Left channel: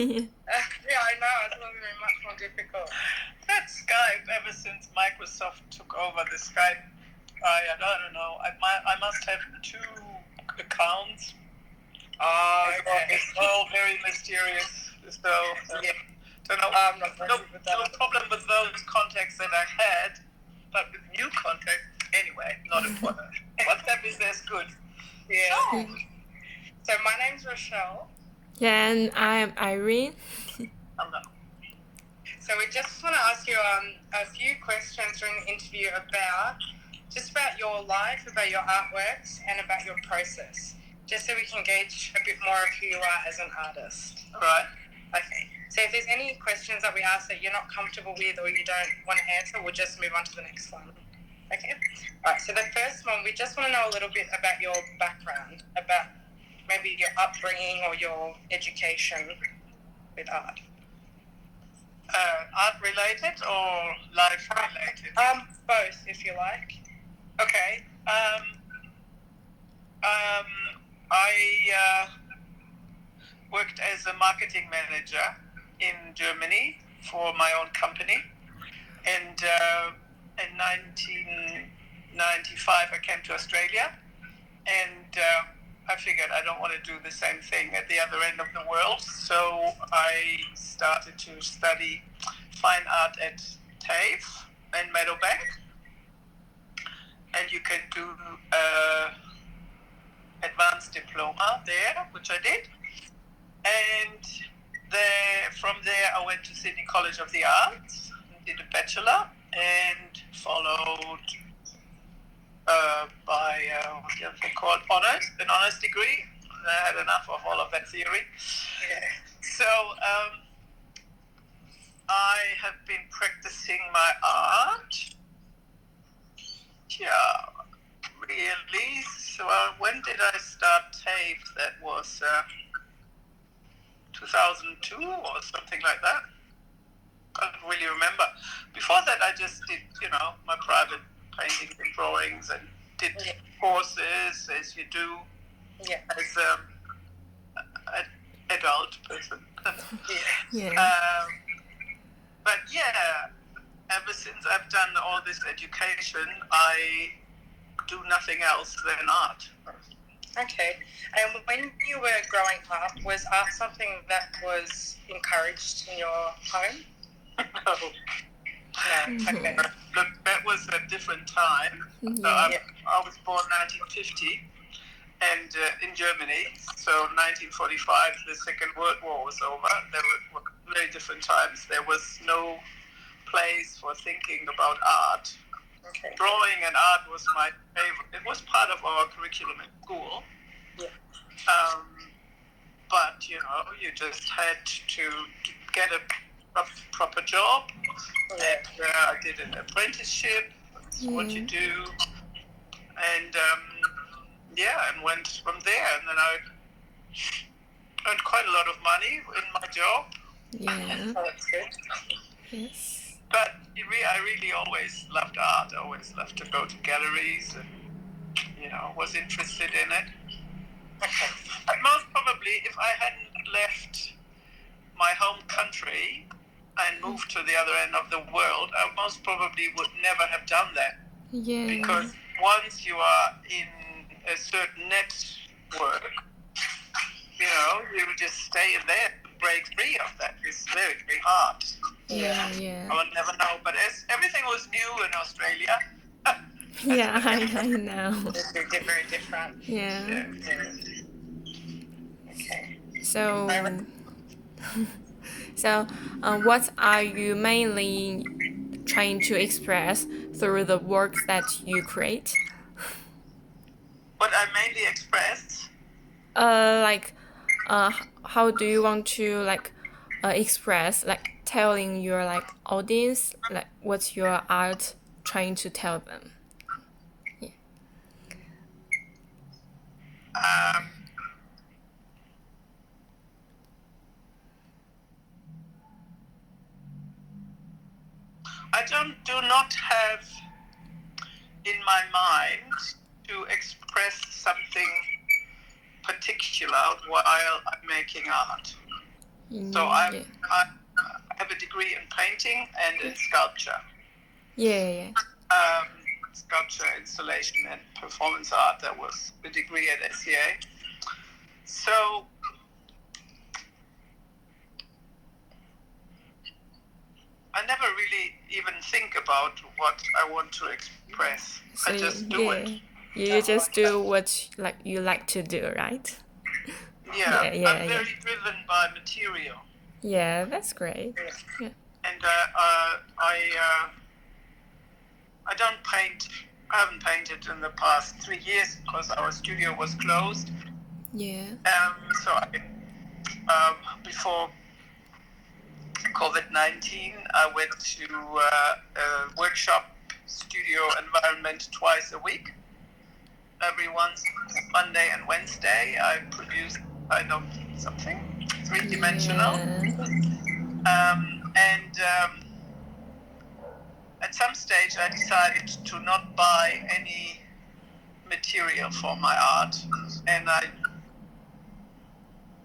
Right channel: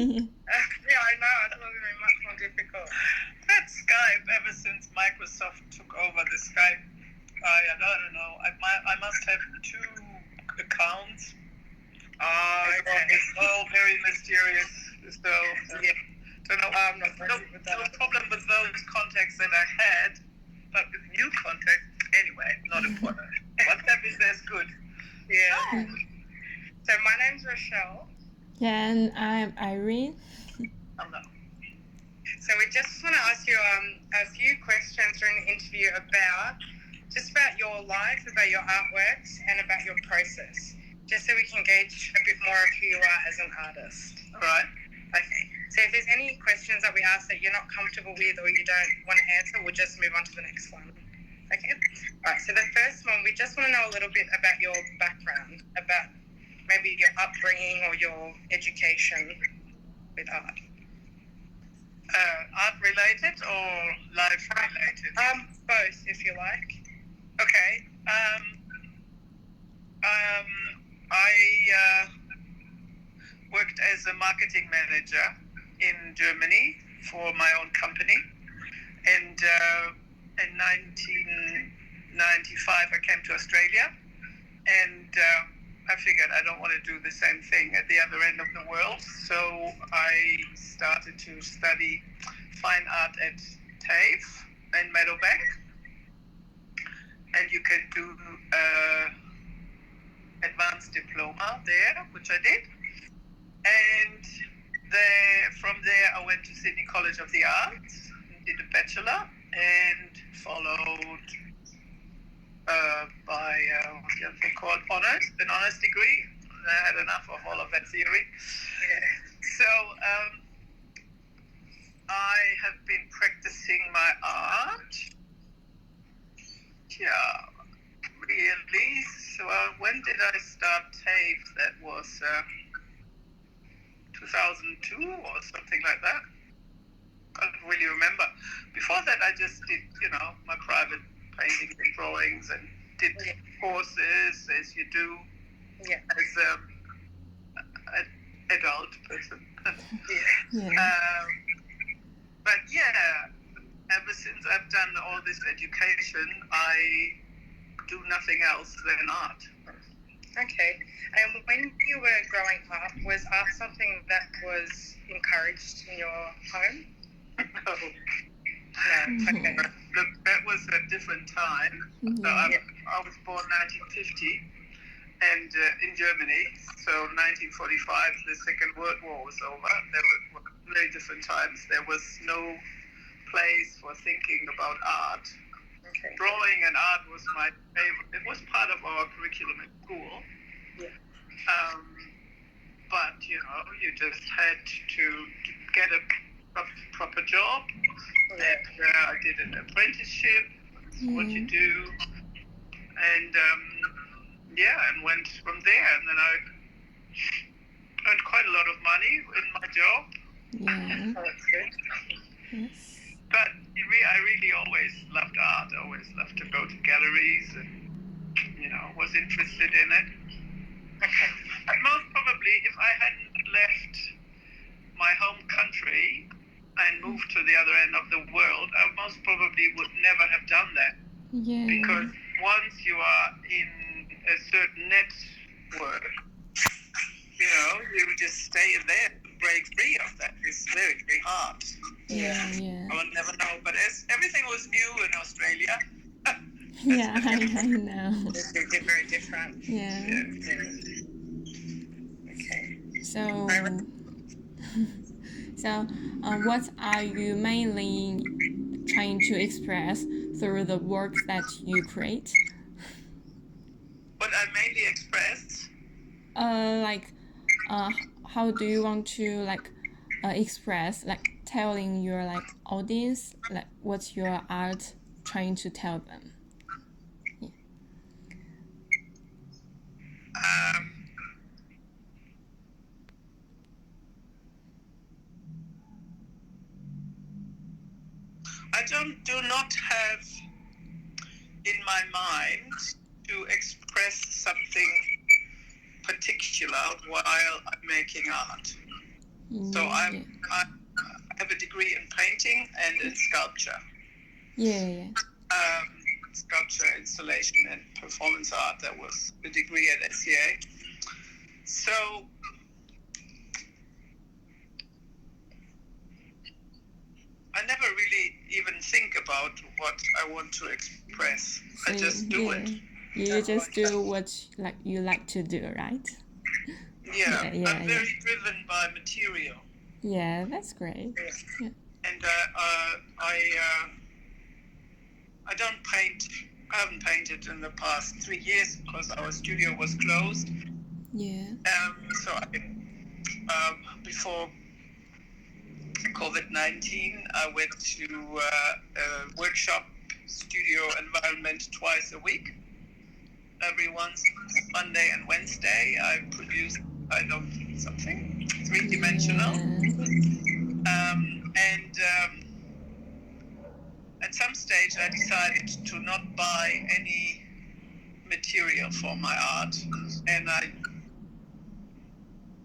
Yeah, I know. It's going to be much more difficult. That Skype, ever since Microsoft took over the Skype, I don't know. I must have 2 accounts. Oh, okay. It's all very mysterious. So, Yeah. don't know. I'm not friendly with No that. problem with those contacts that I had, but with new contacts, anyway, not important. WhatsApp is as good. Yeah. Oh. So my name's Rachelle. Yeah, and I'm Irene. Hello. So we just want to ask you a few questions during the interview about your life, about your artworks, and about your process, just so we can gauge a bit more of who you are as an artist. All right. Okay. So if there's any questions that we ask that you're not comfortable with or you don't want to answer, we'll just move on to the next one. Okay. All right. So the first one, we just want to know a little bit about your background, about maybe your upbringing or your education with art. Art related or life related? Both, if you like. Okay. I worked as a marketing manager in Germany for my own company, and in 1995 I came to Australia, and I figured I don't want to do the same thing at the other end of the world, so I started to study fine art at TAFE in Meadowbank, and you can do advanced diploma there, which I did, and from there I went to Sydney College of the Arts and did a bachelor, and followed by what's the other thing called, an honors degree. I had enough of all of that theory. Yeah. So I have been practicing my art. Yeah, really. So when did I start TAFE? That was 2002 or something like that. I don't really remember. Before that, I just did, my private paintings and drawings, and did courses, as you do as an adult person. But yeah, ever since I've done all this education, I do nothing else than art. Okay. And when you were growing up, was art something that was encouraged in your home? No. No. Okay. That was a different time. So I was born 1950 and in Germany. So 1945, the Second World War was over. There were very different times. There was no place for thinking about art. Okay. Drawing and art was my favorite. It was part of our curriculum at school. Yeah. But, you just had to get a proper job. Yeah. And I did an apprenticeship. That's what you do. And, and went from there. And then I earned quite a lot of money in my job. Yeah. Oh, that's good. Yes. But I really always loved art. I always loved to go to galleries and, was interested in it. Okay. Most probably, if I hadn't left my home country and moved to the other end of the world, I most probably would never have done that. Yeah. Because once you are in a certain network, you just stay in there. Break free of that is very, very hard. Yeah. I would never know. But as everything was new in Australia. Yeah, I know. It's very different. Yeah. Okay. So, what are you mainly trying to express through the works that you create? What I mainly express? How do you want to express, telling your audience what's your art trying to tell them? I do not have in my mind to express something particular while I'm making art. So I have a degree in painting and in sculpture. Sculpture, installation, and performance art. That was the degree at SCA. So I never really even think about what I want to express. So I just do it. You just do what you like to do, right? I'm very driven by material. Yeah, that's great. Yeah. And I don't paint. I haven't painted in the past 3 years because our studio was closed. Yeah. So before COVID-19, I went to a workshop studio environment twice a week. Every Monday and Wednesday, I produce something three-dimensional. And at some stage, I decided to not buy any material for my art, and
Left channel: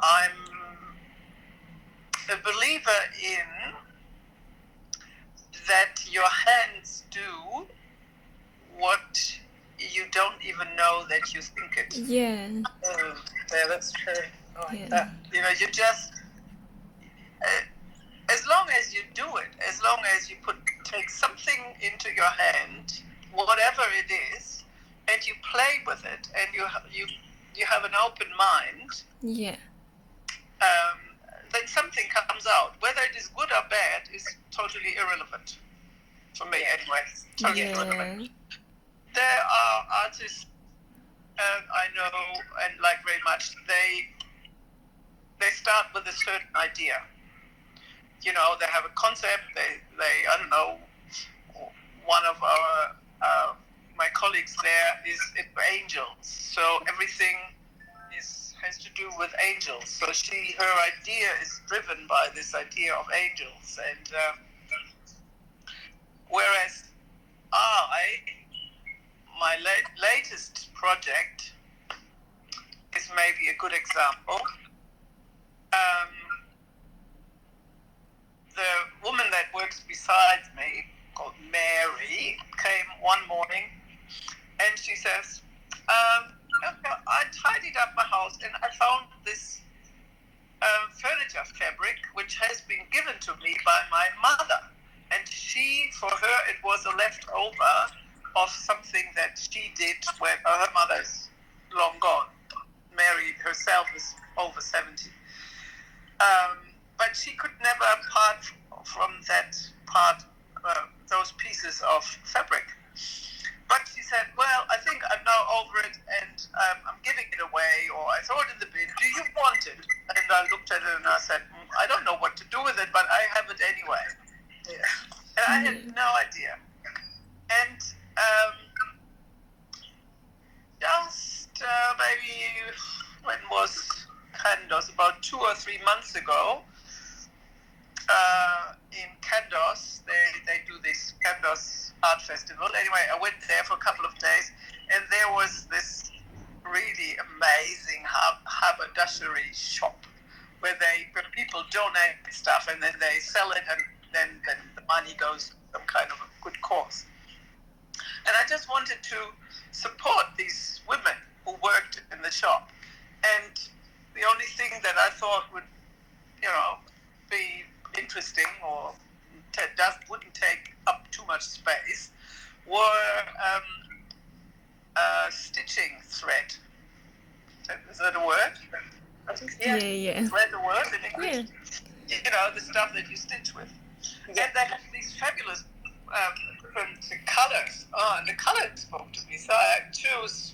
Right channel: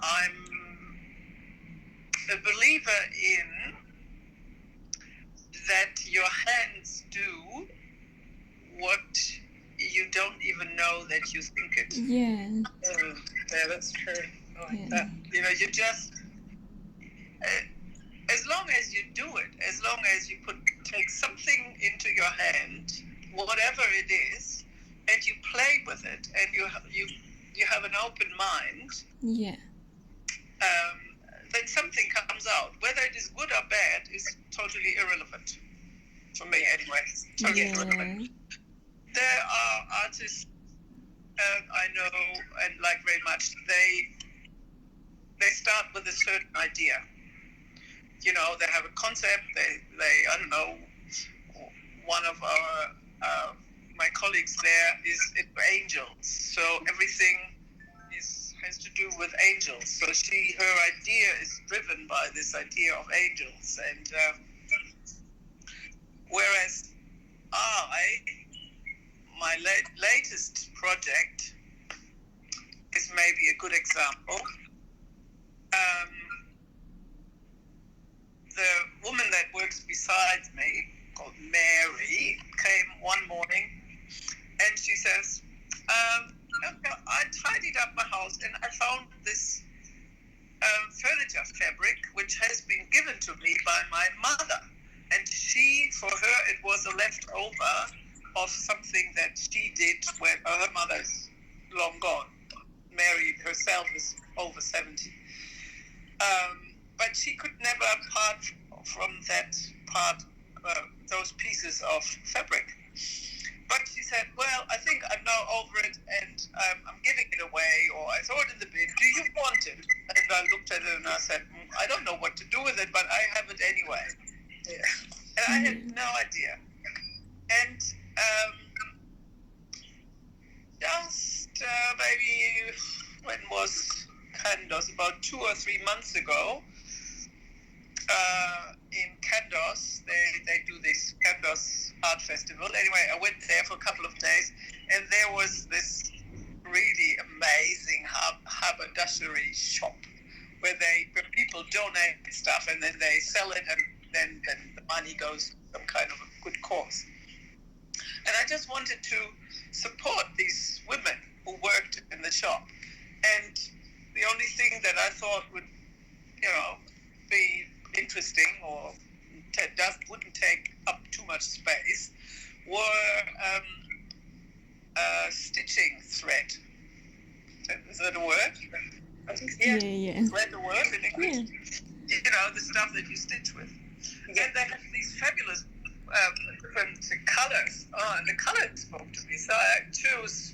I'm a believer in that your hands do what you don't even know that you think it. Yeah. Yeah, that's true. I like that. You just, as long as you do it, as long as you take something into your hand, whatever it is, and you play with it, and you have an open mind. Yeah. Then something comes out. Whether it is good or bad is totally irrelevant. For me, anyway. Totally irrelevant. There are artists I know and like very much. They start with a certain idea. They have a concept. They I don't know. One of my colleagues there is into angels, so everything has to do with angels. So her idea is driven by this idea of angels, and whereas my latest project is maybe a good example. The woman that works beside me, called Mary, came one morning and she says, I tidied up my house and I found this furniture fabric which has been given to me by my mother. And for her, it was a leftover of something that she did when her mother's long gone. Mary herself is over 70. But she could never part from those pieces of fabric. But she said, well, I think I'm now over it and I'm giving it away, or I throw it in the bin. Do you want it? And I looked at it and I said, I don't know what to do with it, but I have it anyway. Yeah. And I had no idea. And just maybe, when was Candos? About 2 or 3 months ago, in Candos, they do this Candos Art Festival. Anyway, I went there for a couple of days, and there was this really amazing haberdashery shop where people donate stuff and then they sell it, and then the money goes to some kind of a good cause. And I just wanted to support these women who worked in the shop. And the only thing that I thought would, be interesting or wouldn't take up too much space were stitching thread. Is that a word? Yeah. Thread a word in English? Yeah. The stuff that you stitch with. Yeah. And they have these fabulous different colors. Oh, and the colors spoke to me. So I chose,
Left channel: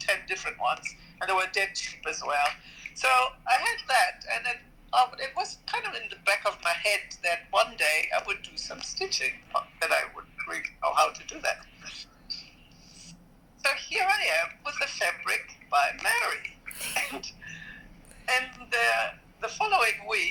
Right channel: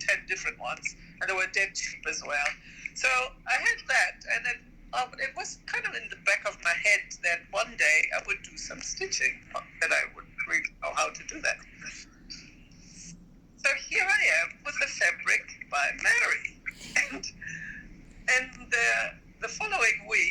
10 different ones. And they were dead cheap as well. So I had that, and it was kind of in the back of my head that one day I would do some stitching